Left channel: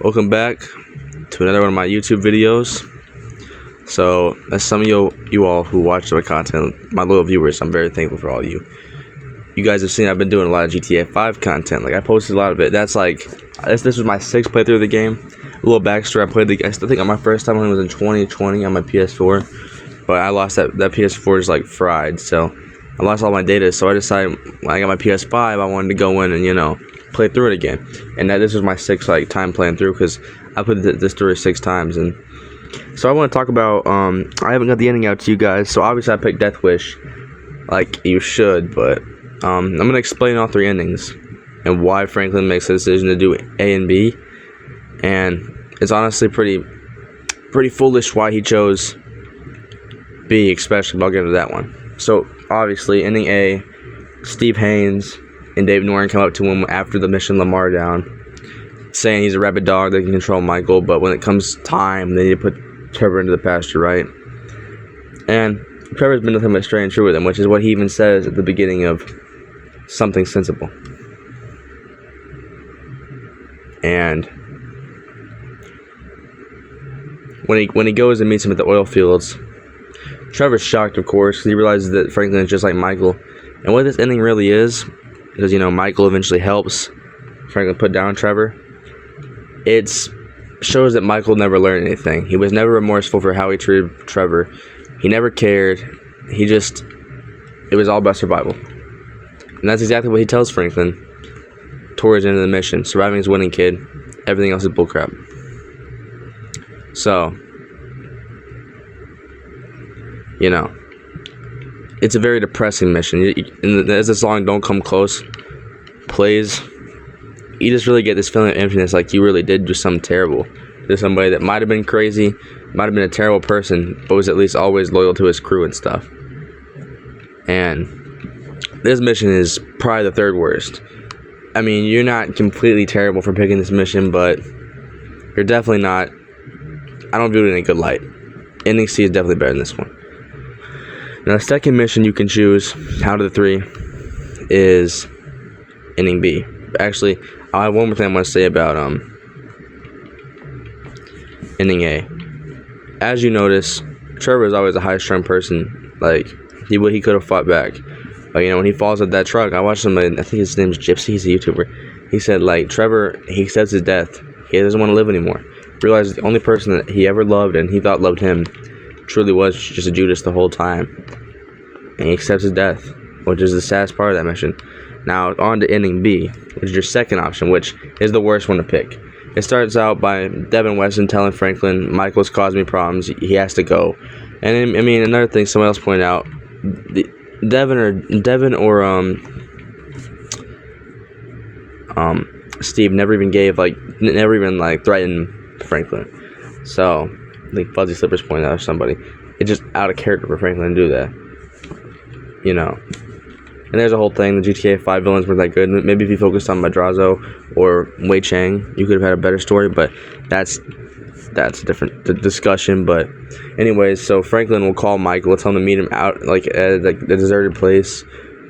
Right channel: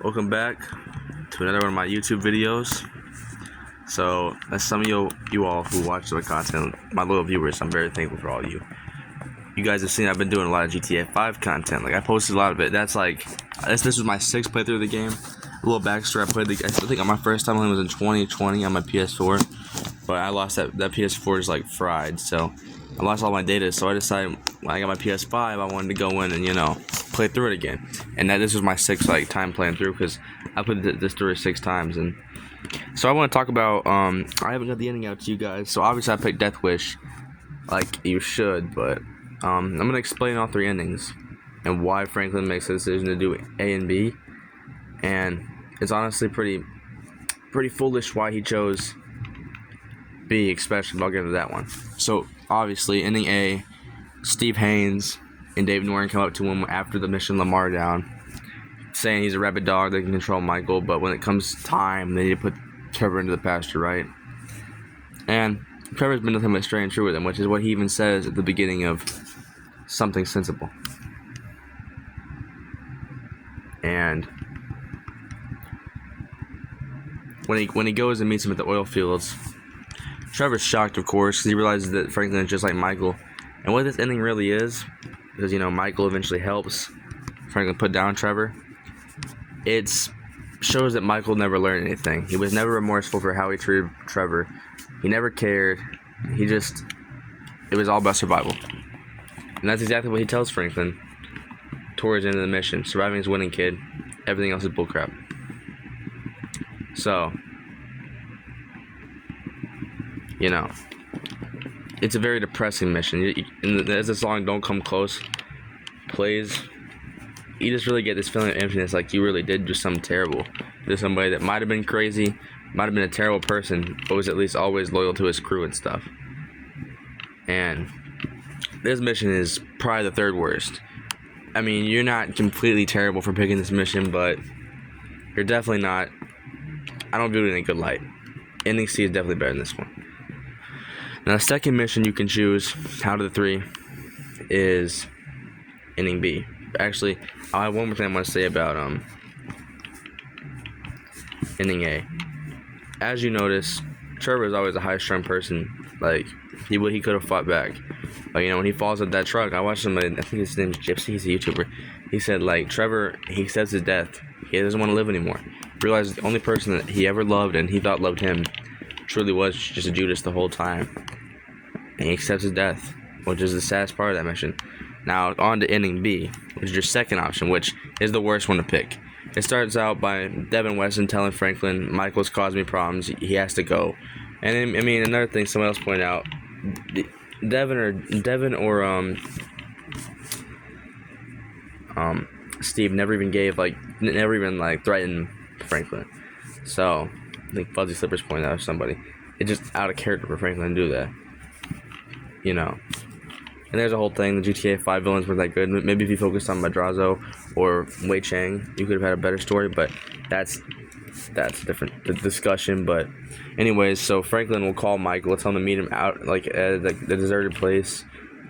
Welcome back to another one of my YouTube videos. So, as some of you all who watch my content, my loyal viewers, I'm very thankful for all of you. You guys have seen I've been doing a lot of GTA 5 content. Like, I posted a lot of it. That's like, this was my 6th playthrough of the game. A little backstory, I still think my first time was in 2020 on my PS4. But I lost that PS4 is like fried, so I lost all my data. So I decided when I got my PS5, I wanted to go in and, play through it again. And this was my 6th time playing through, because I played this through 6 times. And so I want to talk about, I haven't got the ending out to you guys, so obviously I picked Death Wish, like you should, but I'm going to explain all 3 endings and why Franklin makes the decision to do A and B. And it's honestly pretty foolish why he chose B, especially, but I'll get into that one. So obviously, ending A, Steve Haynes and David Norton come up to him after the mission Lamar down, saying he's a rabid dog that can control Michael, but when it comes time, they need to put Trevor into the pasture, right? And Trevor's been nothing but straight and true with him, which is what he even says at the beginning of Something Sensible. And when he goes and meets him at the oil fields, Trevor's shocked, of course, because he realizes that Franklin is just like Michael. And what this ending really is, because, Michael eventually helps Franklin put down Trevor, it shows that Michael never learned anything. He was never remorseful for how he treated Trevor. He never cared. It was all about survival. And that's exactly what he tells Franklin towards the end of the mission. Surviving is winning, kid. Everything else is bullcrap. So, it's a very depressing mission. As the song Don't Come Close plays, you just really get this feeling of emptiness, like you really did do something terrible to somebody that might have been crazy, might have been a terrible person, but was at least always loyal to his crew and stuff. And this mission is probably the 3rd worst. I mean, you're not completely terrible for picking this mission, but you're definitely not. I don't view it in a good light. Ending C is definitely better than this one. Now, the second mission you can choose out of the 3 is ending B. Actually, I have one more thing I want to say about ending A. As you notice, Trevor is always a high-strung person. Like, he could have fought back. Like, when he falls at that truck, I watched somebody, I think his name is Gypsy, he's a YouTuber. He said, like, Trevor, he accepts his death. He doesn't want to live anymore. Realizes the only person that he ever loved and he thought loved him truly was just a Judas the whole time. And he accepts his death, which is the saddest part of that mission. Now, on to ending B, which is your second option, which is the worst one to pick. It starts out by Devin Weston telling Franklin, Michael's caused me problems, he has to go. And, another thing someone else pointed out, Devin or Steve never even threatened Franklin. So, I think Fuzzy Slippers pointed out, or somebody, it's just out of character for Franklin to do that. And there's a whole thing, the GTA 5 villains weren't that good. Maybe if you focused on Madrazo or Wei Chang, you could have had a better story, but that's a different discussion. But anyways, so Franklin will call Michael, tell him to meet him out, like, at the deserted place,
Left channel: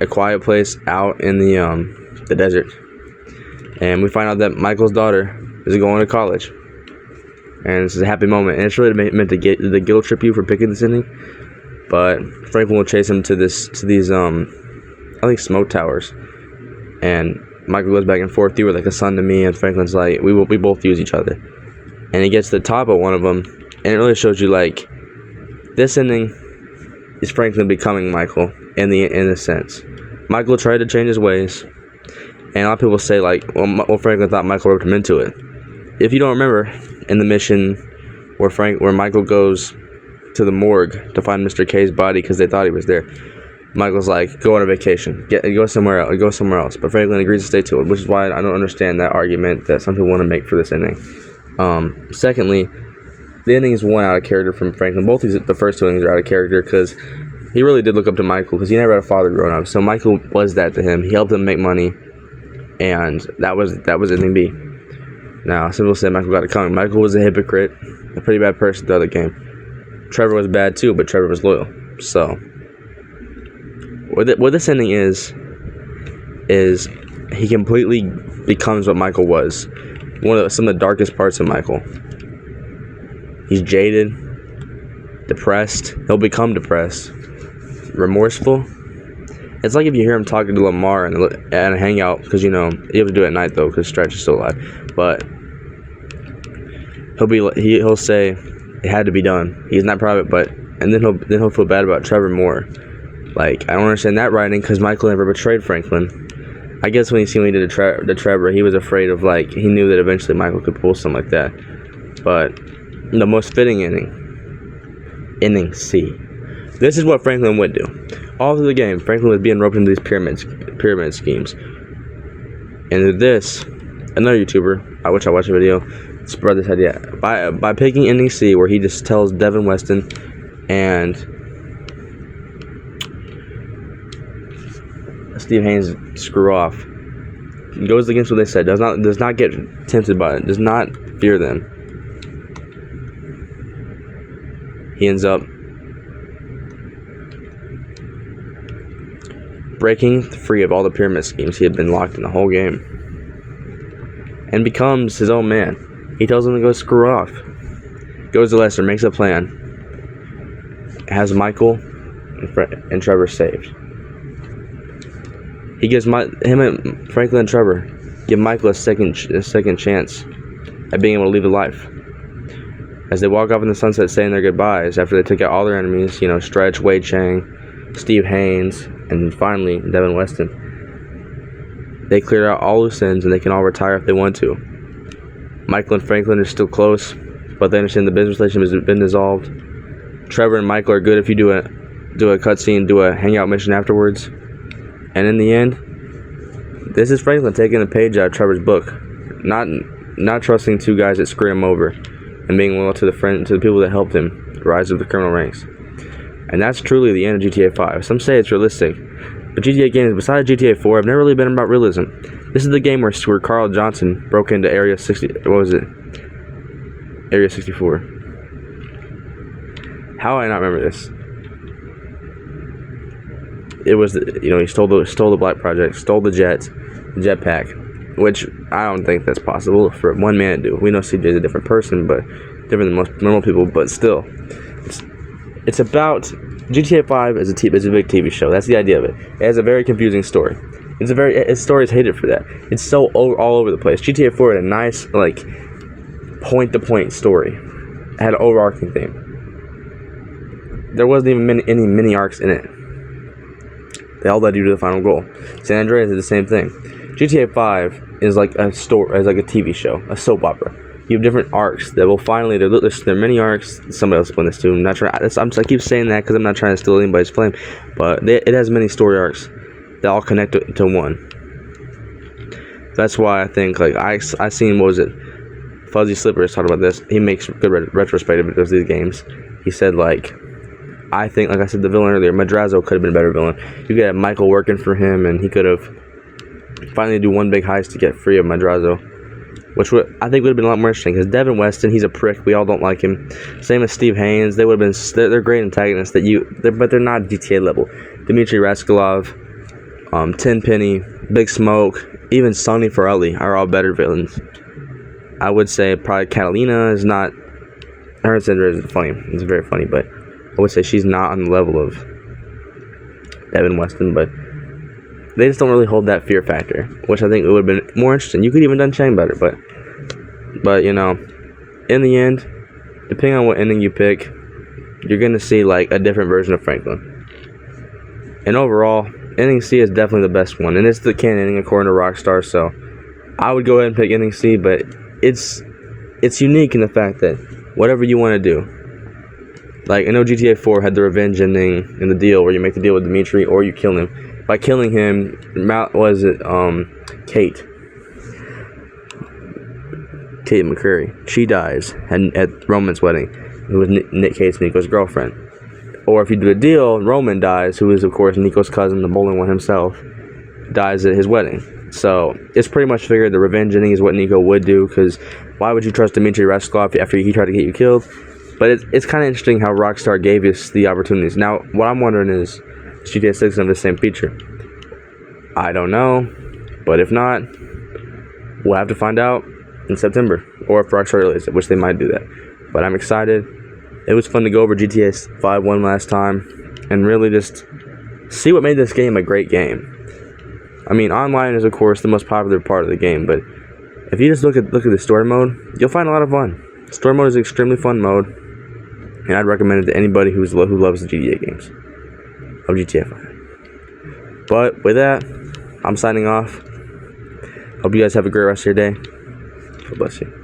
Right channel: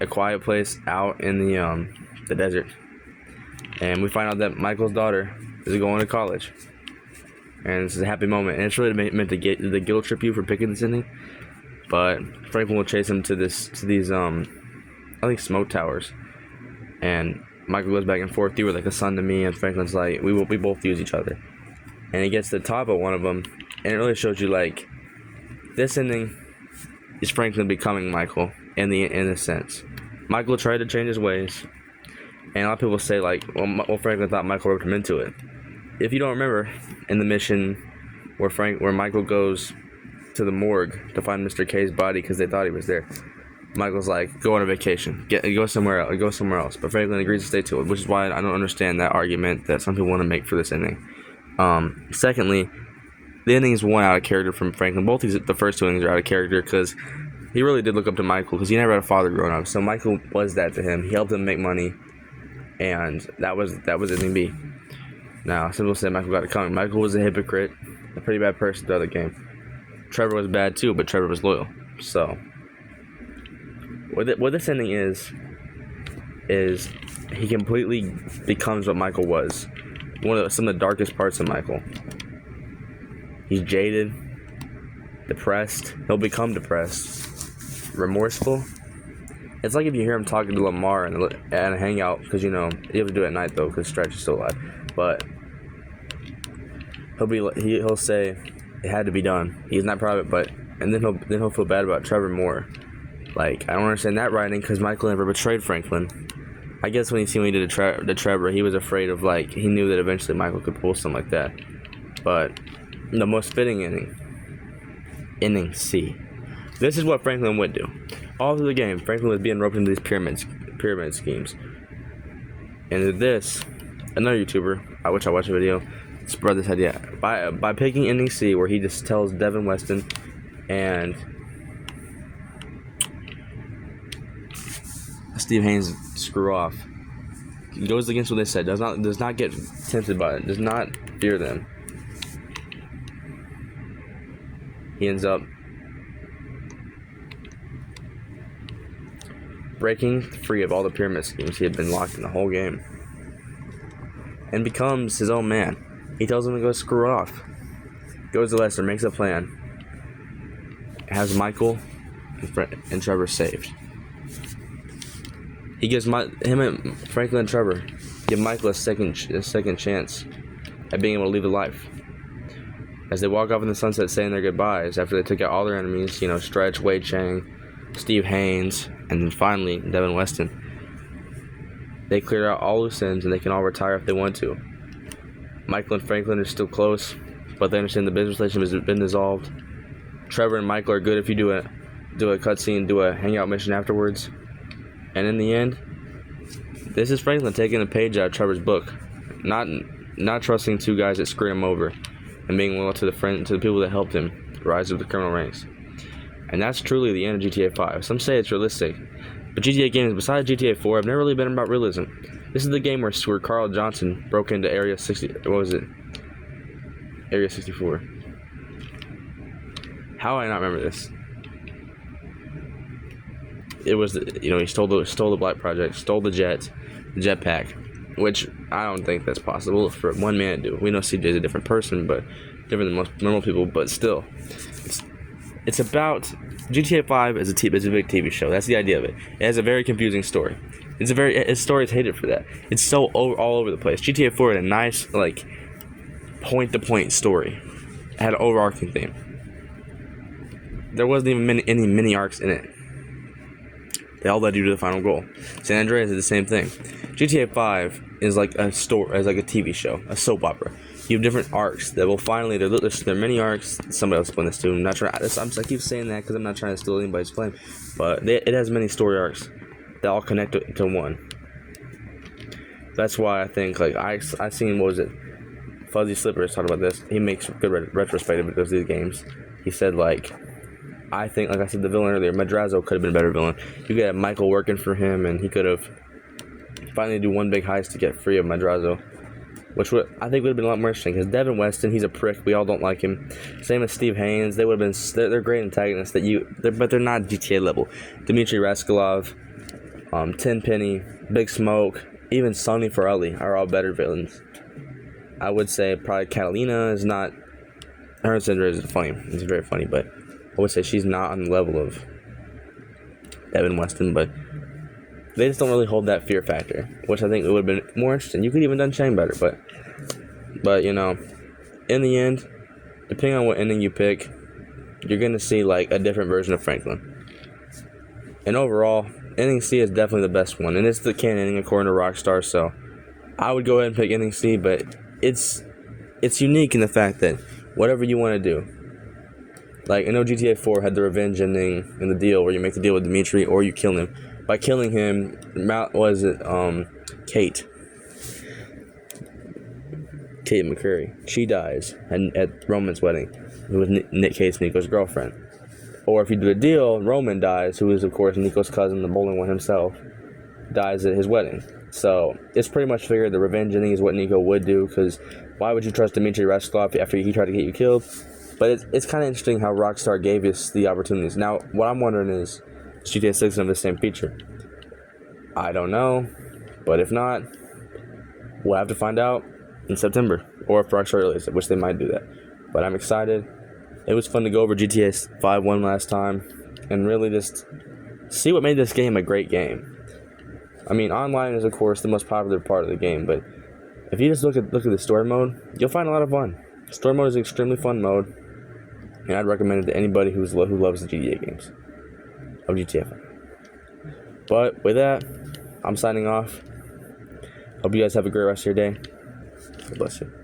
a quiet place out in the desert. And we find out that Michael's daughter is going to college. And this is a happy moment. And it's really meant to get the guilt trip you for picking this ending. But Franklin will chase him to these I think smoke towers, and Michael goes back and forth. You were like a son to me, and Franklin's like, we both use each other. And he gets to the top of one of them, and it really shows you, like, this ending is Franklin becoming Michael in a sense. Michael tried to change his ways, and a lot of people say, like, well, Franklin thought Michael roped him into it. If you don't remember, in the mission where Michael goes to the morgue to find Mr. K's body because they thought he was there, Michael's like, go on a vacation, go somewhere else. But Franklin agrees to stay to it, which is why I don't understand that argument that some people want to make for this ending. Secondly, the ending is one out of character from Franklin. Both the first 2 endings are out of character, because he really did look up to Michael, because he never had a father growing up. So Michael was that to him. He helped him make money, and that was ending B. Now, some people say Michael got it coming. Michael was a hypocrite, a pretty bad person the other game. Trevor was bad too, but Trevor was loyal. So what this ending is he completely becomes what Michael was. some of the darkest parts of Michael. He's jaded, depressed. He'll become depressed, remorseful. It's like if you hear him talking to Lamar and a hangout, because you have to do it at night though, because Stretch is still alive. But he'll say it had to be done. He's not proud of it, and then he'll feel bad about Trevor more. Like, I don't understand that writing, because Michael never betrayed Franklin. I guess when he did to Trevor, he was afraid of, like, he knew that eventually Michael could pull something like that. But the most fitting inning C. This is what Franklin would do. All through the game, Franklin was being roped into these pyramid schemes. And this, another YouTuber, which I watched a video, spread this idea by picking inning C, where he just tells Devin Weston and Steve Haynes screw off. He goes against what they said. Does not get tempted by it. Does not fear them. He ends up breaking free of all the pyramid schemes he had been locked in the whole game, and becomes his own man. He tells him to go screw off. Goes to Lester, makes a plan, has Michael and Trevor saved. He gives him and Franklin and Trevor give Michael a second chance at being able to leave life. As they walk off in the sunset saying their goodbyes after they took out all their enemies, Stretch, Wei Chang, Steve Haynes, and then finally Devin Weston. They cleared out all loose ends and they can all retire if they want to. Michael and Franklin are still close, but they understand the business relationship has been dissolved. Trevor and Michael are good if you do a cutscene, do a hangout mission afterwards. And in the end, this is Franklin taking a page out of Trevor's book, not trusting two guys that screwed him over, and being loyal to the people that helped him rise up the criminal ranks. And that's truly the end of GTA 5. Some say it's realistic, but GTA games besides GTA 4 have never really been about realism. This is the game where Carl Johnson broke into Area 64. How do I not remember this? It was, he stole the Black Project, stole the jetpack, which I don't think that's possible for one man to do. We know CJ's a different person, but different than most normal people, but still. It's about, GTA 5 is a big TV show. That's the idea of it. It has a very confusing story. Its story is hated for that. It's so all over the place. GTA 4 had a nice, like, point-to-point story. It had an overarching theme. There wasn't even any mini arcs in it. They all led you to the final goal. San Andreas is the same thing. GTA 5 is like a TV show, a soap opera. You have different arcs that will finally, there are many arcs. Somebody else explain this too. I keep saying that because I'm not trying to steal anybody's flame, but it has many story arcs that all connect to one. That's why I think, like, I seen, what was it? Fuzzy Slippers talked about this. He makes good retrospective of these games. He said, like, I think, like I said the villain earlier, Madrazo could have been a better villain. You could have Michael working for him, and he could have finally do one big heist to get free of Madrazo, which I think would have been a lot more interesting. Because Devin Weston, he's a prick. We all don't like him. Same as Steve Haynes. They would have been. They're great antagonists but they're not GTA level. Dmitry Raskolov, Tenpenny, Big Smoke, even Sonny Farrelly are all better villains. I would say probably Catalina is not. Her syndrome is funny. It's very funny, but I would say she's not on the level of Devin Weston, but they just don't really hold that fear factor, which I think it would have been more interesting. You could even done Chang better, but in the end, depending on what ending you pick, you're gonna see like a different version of Franklin. And overall, ending C is definitely the best one, and it's the canon ending according to Rockstar. So I would go ahead and pick ending C, but it's unique in the fact that whatever you want to do. Like, I know GTA 4 had the revenge ending in the deal where you make the deal with Dimitri or you kill him. By killing him, Kate McCreary, she dies at Roman's wedding, who was Nick Case, Nico's girlfriend. Or if you do a deal, Roman dies, who is of course Nico's cousin, the bowling one himself, dies at his wedding. So it's pretty much figured the revenge ending is what Nico would do, because why would you trust Dmitry Raskolov after he tried to get you killed? But it's kind of interesting how Rockstar gave us the opportunities. Now, what I'm wondering is GTA 6 have the same feature. I don't know, but if not, we'll have to find out in September or for Rockstar release it, which they might do that. But I'm excited. It was fun to go over GTA 5 one last time and really just see what made this game a great game. I mean, online is of course the most popular part of the game, but if you just look at the story mode, you'll find a lot of fun. Story mode is an extremely fun mode, and I'd recommend it to anybody who loves the GTA games of GTA 5. But with that, I'm signing off. Hope you guys have a great rest of your day. God bless you.